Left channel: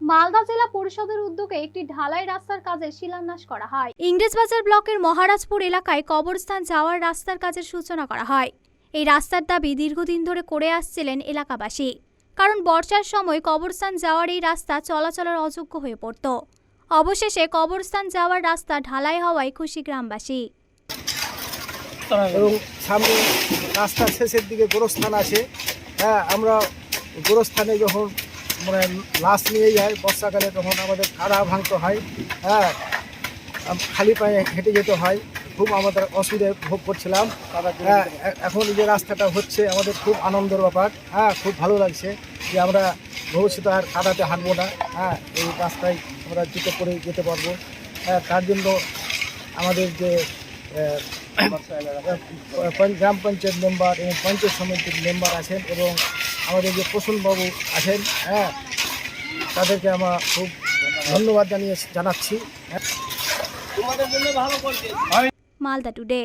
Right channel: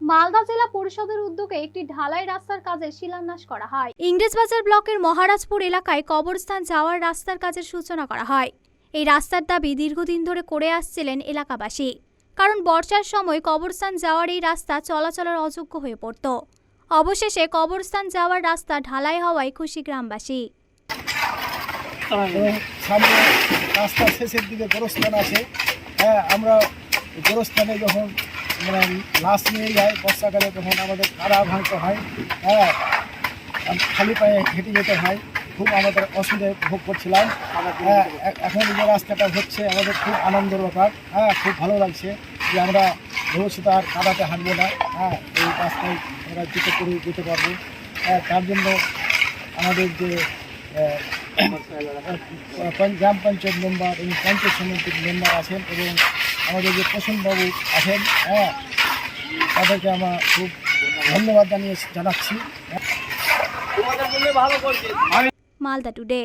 মালদা জেলা পরিষদের উদ্যোগে একটি ঢালাই রাস্তার কাজের শিলান্যাস করা হয়। ইংরেজবাজার ব্লকের মহারাজপুর এলাকায় কবরস্থান যাওয়ার রাস্তার কাজের সূচনা করা হয়। এই রাস্তার দাবি দীর্ঘদিন ধরে করে আসছিলেন এলাকাবাসী। কারণ বর্ষার সময় কবরস্থান যাওয়ার এই রাস্তা চলাচলের অযোগ্য হয়ে পড়ত। অবশেষে কবরস্থান যাওয়ার রাস্তা ঢালাই হওয়ায় খুশি গ্রামবাসী। এবং সামনে রাস্তার শেষের দিকে গোরস্থান আছে। হ্যাঁ আমরা গোরস্থানে যখন মানে লাশ নিয়ে যায় বর্ষাকালে তখন আমাদের কাদা ভাঙতে হয়। হ্যাঁ খালি পায়ে হেঁটে যেতে হয়। খুব আমাদের অসুবিধায় ভোগ করছিলাম। হ্যাঁ এখন যে রাস্তাটা হচ্ছে আমাদের খুব আনন্দের ব্যাপার। হ্যাঁ খুব ভালো লাগছে যে আমরা ভবিষ্যতে আর কাদাতে হাঁটবো না। হ্যাঁ এই রাস্তায় আমরা জুতো করে যেতে পারব। হ্যাঁ তার জন্য আমাদের যে গ্রাম পঞ্চায়েত মেম্বার এবং পঞ্চায়েত সমিতির মেম্বার আছেন এবং আমাদের যে প্রসূনবাবু আছেন হ্যাঁ তাদেরকে আমরা খুব ধন্যবাদ জানিয়ে জানাচ্ছি। মালদা টুডে।